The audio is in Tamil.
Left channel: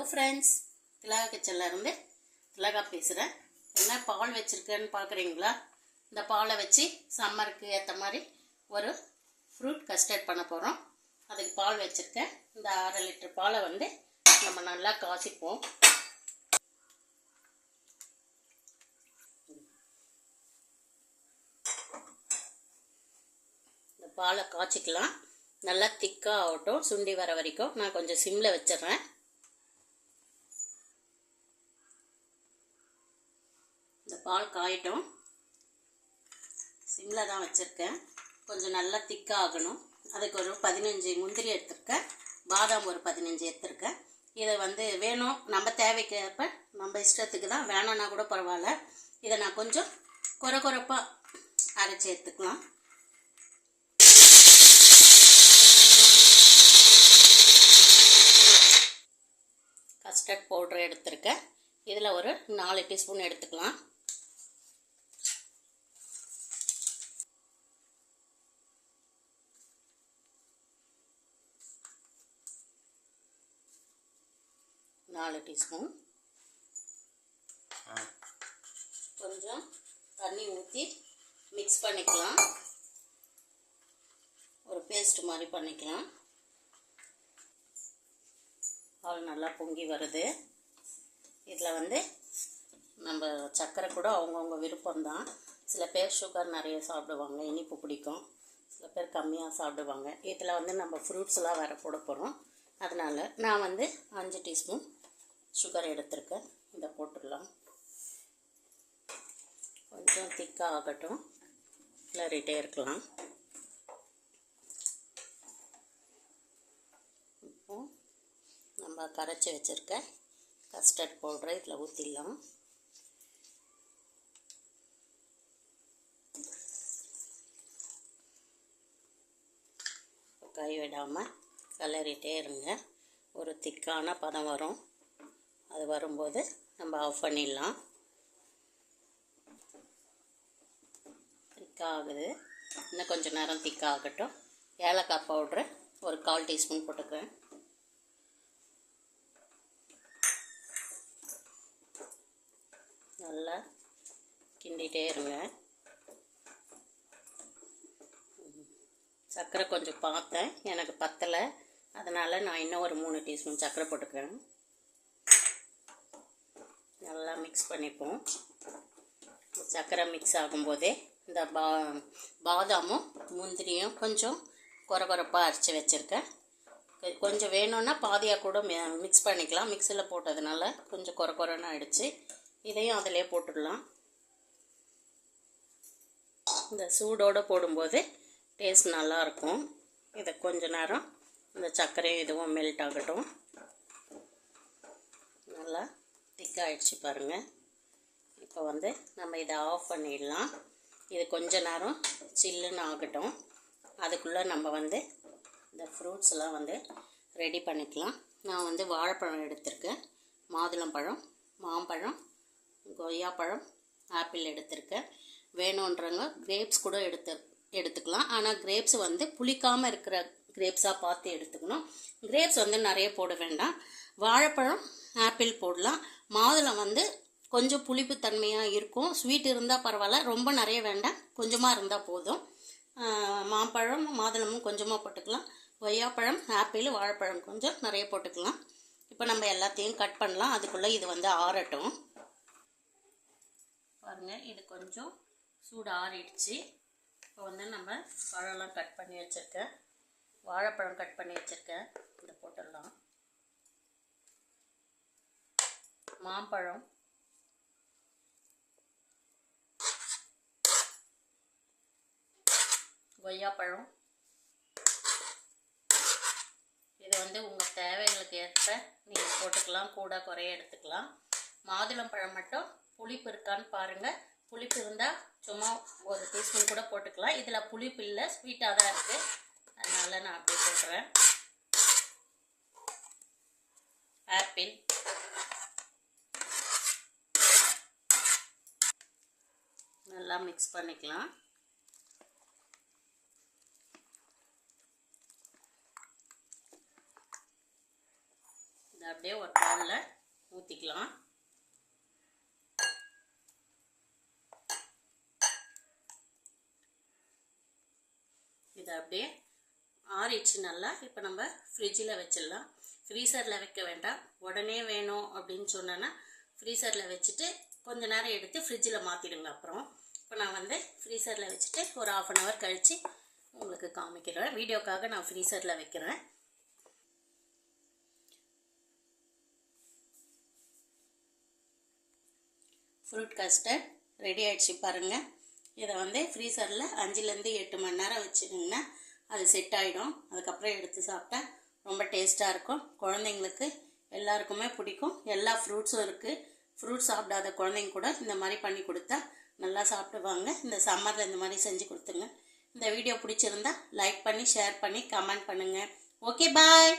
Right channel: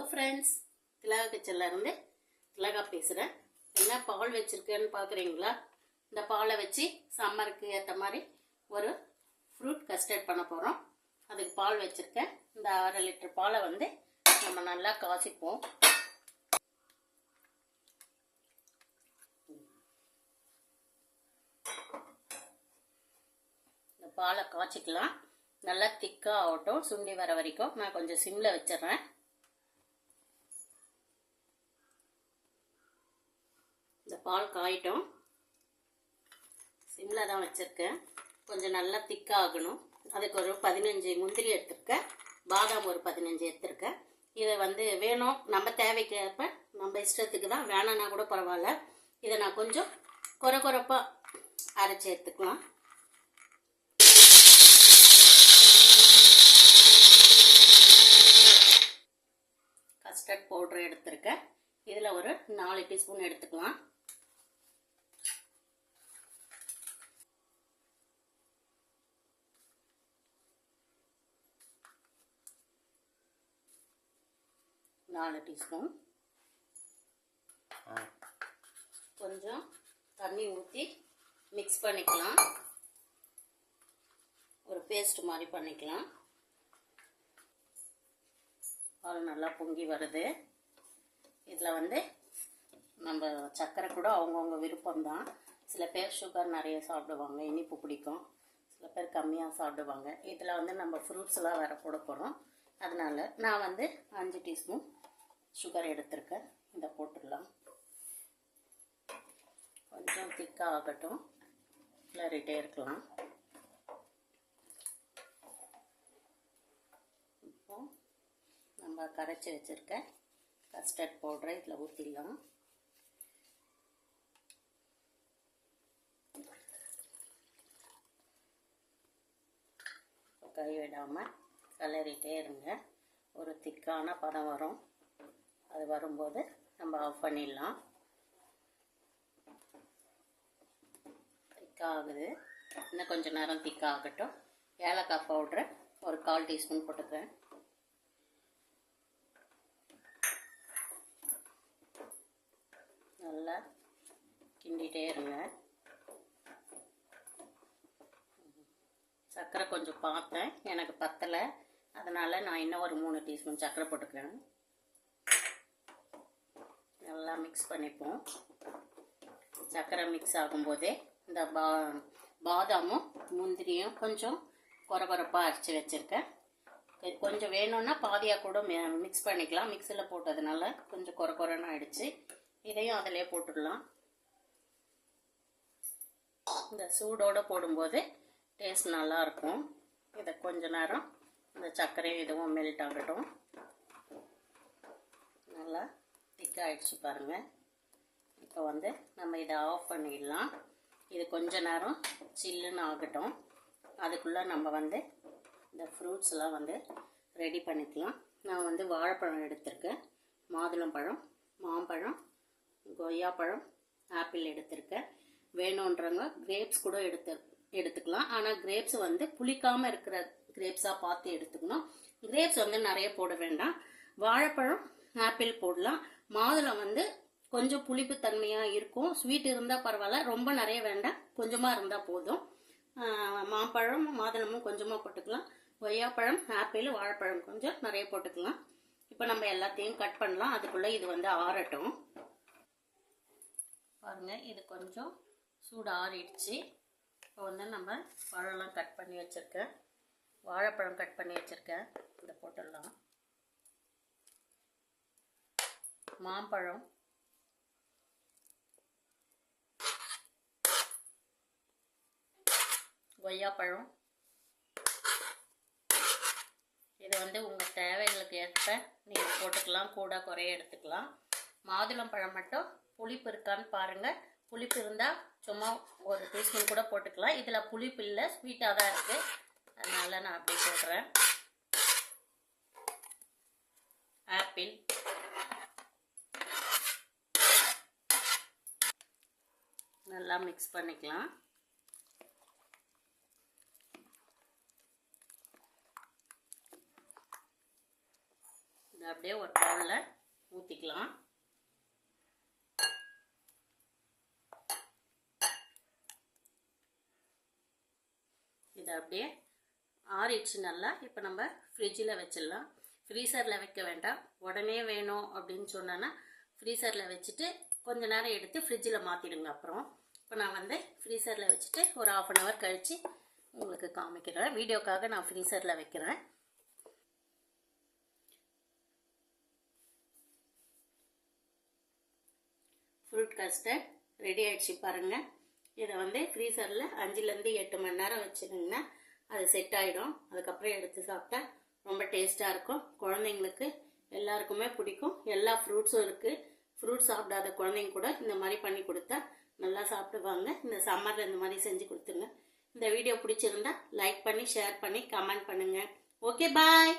ஹலோ ஃப்ரெண்ட்ஸ், திலகா கிச்சன்லேருந்து திலகா பேசுகிறேன். என்ன பால் வச்சுருக்கேன்னு பார்க்குறீங்களா? இந்த பாலை வச்சு சம்மருக்கு ஏற்ற மாதிரி ஒரு ஃப்ரூட் கஸ்டர்ட் பண்ண போகிறோம். அதுக்கு பால் வச்சுருக்கேன். இந்த 1/2 லிட்டர் பாலை வந்து நம்ம நல்லா காய்ச்சிப்போம். இந்த பாலை காய்ச்சிக்கலாம். நல்லா திக்காக ஆகட்டும், சுண்டி வர வரைக்கும். நான் கொஞ்சம் சிம்மில் வச்சிடுறேன். இந்த பால் காயட்டும். சிம்மில் தான் வச்சுருக்கேன். கொஞ்சம் நல்லா திக்காக ஆகணும். அதுக்கு ஒரு 15 முந்திரி எடுத்துருக்கேன். பாதாம் ஒரு 15 எடுத்துருக்கேன். இதை வந்து வேணும் நம்ம தேவைக்கு ஏற்ப, நம்ம இஷ்டத்துக்கு தான். வேணான்னா கூட பரவாயில்ல. இதை நான் கொஞ்சம் கொரப்பாக அரைச்சி எடுத்துக்கலாம். கஸ்டர்ட் பவுடர் எடுத்துருக்கேன். இதில் ஒரு 4 டீஸ்பூன் எடுத்துக்கலாம். டீஸ்பூன் கொஞ்சம் தண்ணி ஊற்றி மிக்ஸ் பண்ணிக்கலாம். ஒரு பேஸ்ட் மாதிரி பண்ணிக்கலாம். பால் நல்லா பொங்கி வருது. இதில் வந்து நம்ம சர்க்கரை கூட அவங்கவுங்க விருப்பம்தான். சில பேர் சுகர் நிறைய சாப்பிடுவாங்க, இனிப்பு பிடிக்கும். சில பேர் கம்மியாக சாப்பிடுவாங்க. இதில் வந்து நம்ம ஃப்ரூட்ஸ்லாம் வேறு போட போகிறோம். அதனால் நான் வந்து 5 டீஸ்பூன் சுகர் எடுத்துருக்கேன். இதை போட்டுடலாம். கொஞ்சம் திக்காக ஆகட்டும், கிளறிட்டே இருக்கலாம். இப்போ நம்ம கரைச்சி வச்சுருக்க கஸ்டர்ட் பவுடரை இதில் ஊற்றிடலாம். கை விடாமல் கிளறிட்டே இருங்க. ஒரு திக்கான பதம் வரும். அது வரும்போது நம்ம ஆஃப் பண்ணிடலாம். திக்காகுது. இன்னும் கொஞ்சம் நேரம் திக்காகட்டும். ஏலக்காய் பவுட்ரு ஒரு 1/4 டீஸ்பூன் போட்டுக்கிறேன். நல்லா கிண்டிகிட்டே இருங்க. சர்க்கரை கொஞ்சம் பார்த்தேன், எனக்கு பத்தலை. அதனால் நான் இன்னும் ஒரு 3 டீஸ்பூன் சர்க்கரை போட்டுக்கிறேன். நல்லா மிக்ஸ் பண்ணிப்போம். சர்க்கரை மிக்ஸ் ஆகும்போதே இந்த பாதாமும் முந்திரியும் கொஞ்சம் கொரப்பாக அரைச்சி வச்சுருக்கேன். கொஞ்சம் வேணும்னா பாதியாக கூட மிக்ஸ் பண்ணிக்கலாம். மிக்ஸியில் போட்டதுனால கொஞ்சம் கொரன்னு ஆகிடுச்சு. இதையும் அதிலே போட்டுடலாம். இந்த சூடோடு போடும்போது டேஸ்ட் நல்லாயிருக்கும். இதை கொஞ்ச நேரம் இந்த சர்க்கரையும் இதுவும் மெல்ட் ஆகட்டும். நல்லா திக்காகிடுச்சு பாருங்கள். இப்போ வந்து நம்ம இதை ஆஃப் பண்ணிடலாம். இது கொஞ்ச நேரம் சில்லுன்னு ஆகட்டும். அதுக்குள்ளே நம்ம வந்து இந்த ஃப்ரூட்ஸ்லாம் வந்து ரெடி பண்ணிக்கலாம். நான் வந்து வாழைப்பழம் எடுத்திருக்கேன், மாதுளம்பழம், மாம்பழம், கொய்யாப்பழம், ஆப்பிள் எடுத்திருக்கேன். வேணுன்றவங்க கிரேப்ஸ் கூட எடுத்துக்கலாம். ஆனால் கிரேப்ஸ் வந்து புளிக்காமல் இருக்கிற கிரேப்ஸாக பார்த்து எடுத்துக்கணும். கிரேப்ஸ் வந்து நிறைய போட வேண்டாம். வாழைப்பழம், ஆப்பிள் போடலாம். மாதுளம் வந்து கொஞ்சம் புளிப்பு தன்மையாக இருக்கும். ஸ்வீட் இருந்தால் பரவாயில்ல, ரொம்ப நிறைய வேண்டாம், கொஞ்சமாக இருந்தால் போதும். மாம்பழம், மாதுளமும் கொஞ்சமாக போட்டுக்கலாம். கொய்யாப்பழம், ஆப்பிள், வாழைப்பழம் கொஞ்சம் நிறைய போட்டுக்கலாம். இப்போ நம்ம எல்லாத்தையும் கட் பண்ணலாம். அதுக்குள்ளே இது வந்து ஆறட்டும். பாருங்கள், இது கொஞ்சம் சூடு ஆறிடுச்சு. இப்போ வந்து நம்ம பழம்லாம் கட் பண்ணி வச்சுருக்கேன். வாழைப்பழம் கட் பண்ணி வச்சுருக்கேன். இதை போட்டுடலாம். மாம்பழம், கொய்யாப்பழம், இது வந்து உங்கள் தேவைகளுக்கு ஏற்ப நீங்கள் போட்டுக்கலாம், கூட குறைய எடுத்துக்கலாம். மாதுளம்பழம் மட்டும் புளிப்பு இருக்கான்னு பாருங்கள். புளிப்பு இருந்தால் சும்மா ஒரு டீஸ்பூன் கூட போட்டுக்கலாம். இதில் புளிப்பு இல்லை, ஸ்வீட்டாக தான் இருக்குது. அதனால் நான் அப்படியே போடுறேன். ஆப்பிள், நல்லா மிக்ஸ் பண்ணிக்கலாம். இதை அப்படியே ஒரு பவுலில் ஊற்றிக்கலாம். இதை அப்படியே ஆறிடுச்சு நல்லா. இப்போ நம்ம ஃப்ரிட்ஜில் வச்சிடலாம். ஃப்ரீசரில் வைக்க வேண்டாம். உடனே வேணும் அப்படின்னு சொன்னேன்னா ஃப்ரீசரில் வச்சுட்டு கொஞ்ச நேரம் எடுத்து ஃப்ரிட்ஜில் மாற்றிடுங்க. அப்புறம் இப்போ நான் வந்து ஃப்ரீசரில் வச்சுட்டு ஒரு 1/2 அன் ஹவர் கழித்து உங்களுக்கு காமிக்கிறேன். வீடியோக்காக நான் ஃப்ரீசரில் வைக்கிறேன். ஃப்ரூட் கஸ்டர்ட் ரெடி ஆகிடுச்சு பாருங்கள். இதை வந்து ஃப்ரீசரில் 5லேருந்து 8 மணி நேரம் வச்சுருங்கன்னா அது செட் ஆகிடும். அதுக்கப்புறம் எடுத்து சாப்பிட்டா ரொம்ப டேஸ்ட்டாக இருக்கும். குழந்தைங்களுக்கு எல்லாருக்குமே பிடிக்கும். எல்லா ஃப்ரூட்ஸும் இருக்குது. ஃப்ரூட்ஸ் சாப்பிடாத குழந்தைங்க கூட இந்த மாதிரி பண்ணி கொடுத்தா நல்லா சாப்பிடுவாங்க. இந்த சம்மரில் இந்த மாதிரி செஞ்சு கொடுத்துங்க. இந்த வீடியோ பிடிச்சிருந்தா லைக் பண்ணி, ஷேர் பண்ணி, கமெண்ட் பண்ணுங்கள். ஓகே, பாய்.